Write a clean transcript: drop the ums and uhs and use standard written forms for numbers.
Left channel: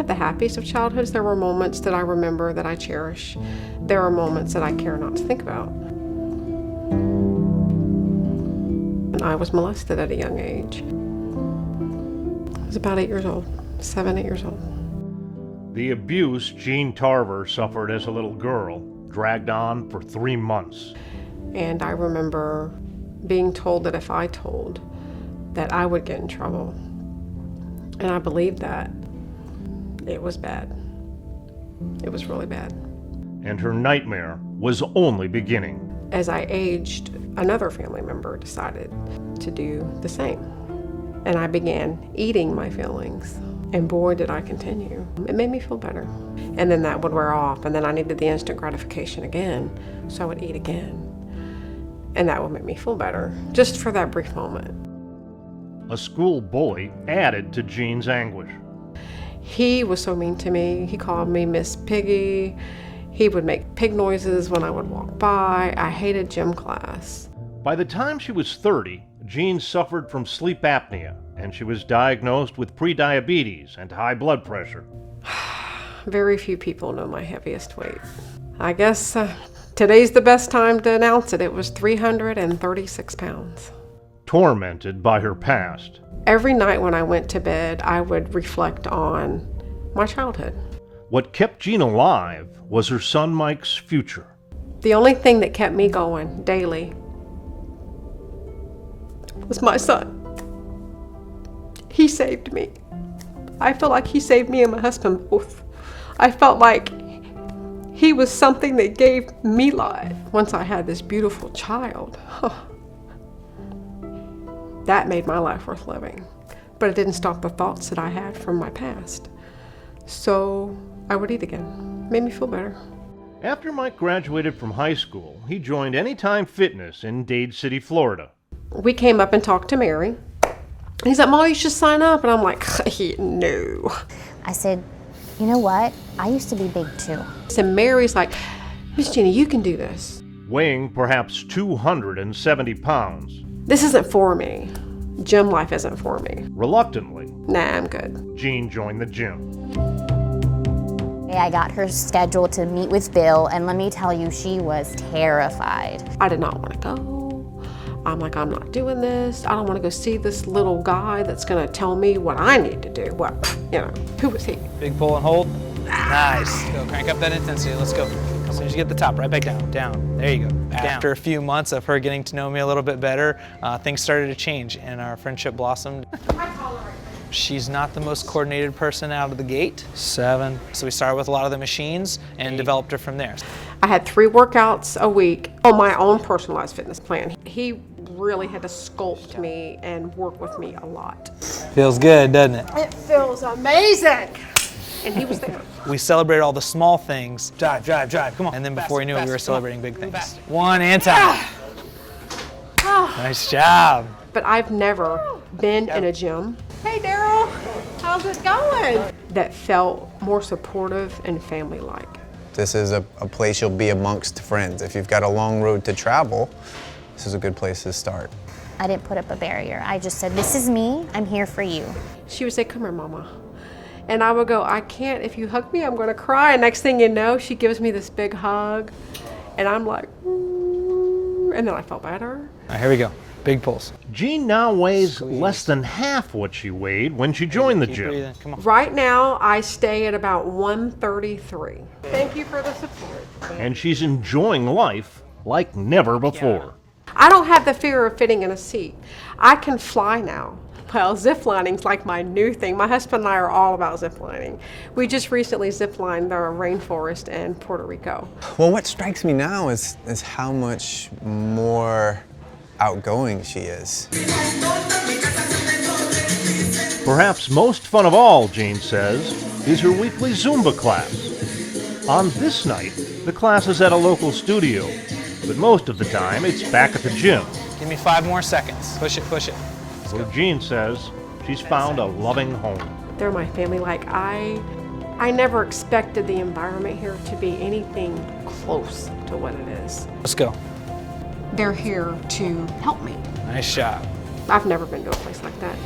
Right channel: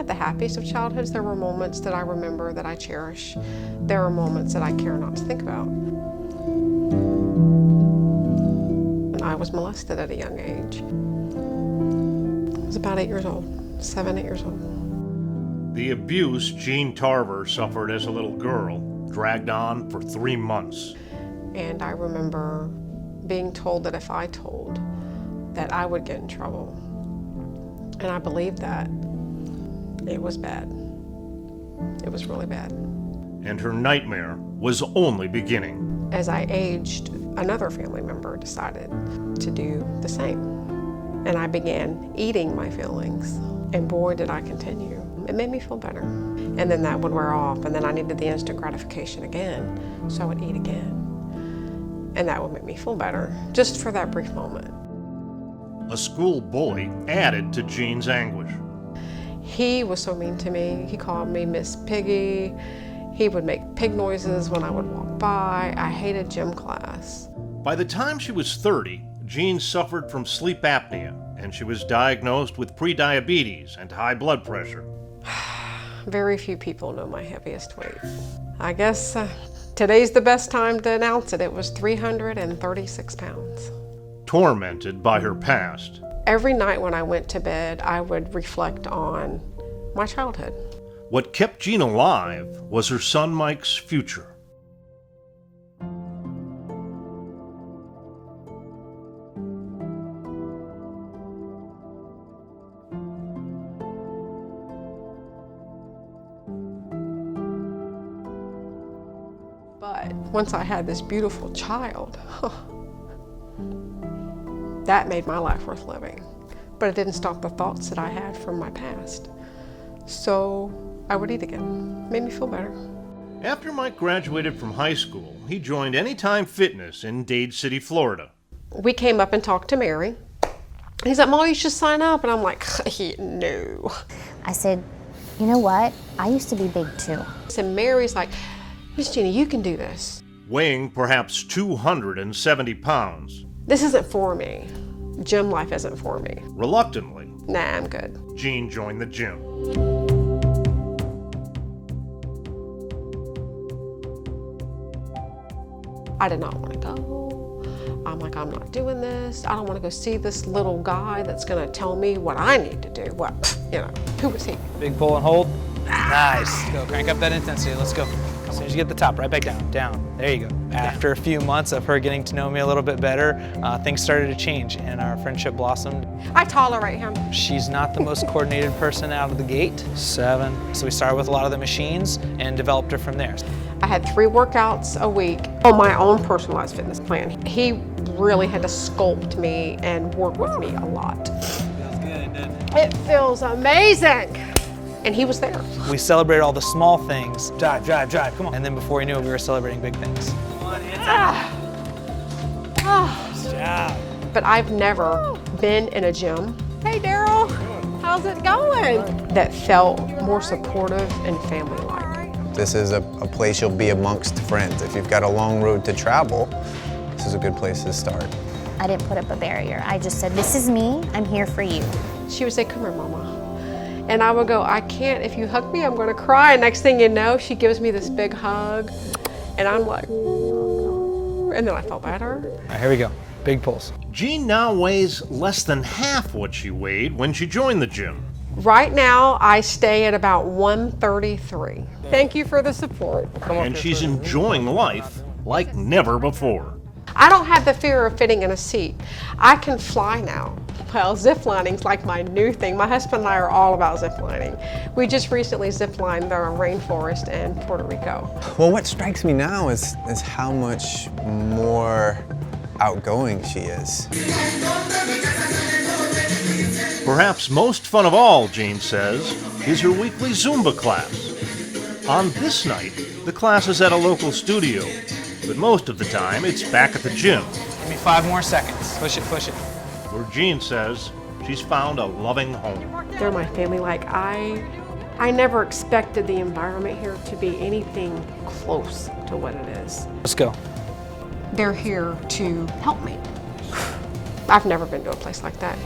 have the happiest of childhoods. There were moments that I remember that I cherish. There are moments that I care not to think about. And I was molested at a young age. I was about 8 years old, 7, 8 years old. The abuse Jeanne Tarver suffered as a little girl dragged on for 3 months. And I remember being told that if I told, that I would get in trouble. And I believed that. It was bad. It was really bad. And her nightmare was only beginning. As I aged, another family member decided to do the same. And I began eating my feelings. And boy, did I continue. It made me feel better. And then that would wear off, and then I needed the instant gratification again, so I would eat again. And that would make me feel better, just for that brief moment. A school bully added to Jeanne's anguish. He was so mean to me. He called me Miss Piggy. He would make pig noises when I would walk by. I hated gym class. By the time she was 30, Jeanne suffered from sleep apnea, and she was diagnosed with prediabetes and high blood pressure. Very few people know my heaviest weight. I guess today's the best time to announce it. It was 336 pounds. Tormented by her past. Every night when I went to bed, I would reflect on my childhood. What kept Jeanne alive was her son Mike's future. The only thing that kept me going daily was my son. He saved me. I feel like he saved me and my husband both. I felt like he was something that gave me life. Once I had this beautiful child, that made my life worth living. But it didn't stop the thoughts that I had from my past. So I would eat again. Made me feel better. After Mike graduated from high school, he joined Anytime Fitness in Dade City, Florida. We came up and talked to Mary. He's like, Mom, you should sign up. And I'm like, no. I said, you know what? I used to be big too. So Mary's like, Miss Jeanne, you can do this. Weighing perhaps 270 pounds. This isn't for me. Gym life isn't for me. Reluctantly, Nah, I'm good. Jeanne joined the gym. I got her scheduled to meet with Bill, and let me tell you, she was terrified. I did not want to go. I'm like, I'm not doing this. I don't want to go see this little guy that's going to tell me what I need to do. Well, who was he? Big pull and hold. Nice. Go, crank up that intensity. Let's go. As soon as you get the top, right back down, down. There you go. After a few months of her getting to know me a little bit better, things started to change and our friendship blossomed. I tolerate him. She's not the most coordinated person out of the gate. 7. So we started with a lot of the machines and developed her from there. I had 3 workouts a week on my own personalized fitness plan. He really had to sculpt me and work with me a lot. Feels good, doesn't it? It feels amazing. And he was there. We celebrated all the small things. Drive, drive, drive, come on. And then before we knew it, we were celebrating big things. 1 and time. Nice job. But I've never been in a gym. Hey, Daryl, how's it going? That felt more supportive and family-like. This is a place you'll be amongst friends. If you've got a long road to travel, this is a good place to start. I didn't put up a barrier. I just said, this is me, I'm here for you. She would say, come here, Mama. And I would go, I can't, if you hug me, I'm gonna cry. And next thing you know, she gives me this big hug. And I'm like, and then I felt better. All right, here we go. Big pulls. Jeanne now weighs less than half what she weighed when she joined the gym. Right now, I stay at about 133. Thank you for the support. And she's enjoying life like never before. I don't have the fear of fitting in a seat. I can fly now. Well, ziplining's like my new thing. My husband and I are all about ziplining. We just recently ziplined our rainforest in Puerto Rico. Well, what strikes me now is how much more outgoing she is. Perhaps most fun of all, Jeanne says, is her weekly Zumba class. On this night, the class is at a local studio, but most of the time it's back at the gym. Give me 5 more seconds. Push it, push it. Where Jeanne says she's found a loving home. They're my family. Like I never expected the environment here to be anything close to what it is. Let's go. They're here to help me. Nice shot. I've never been to a place like that.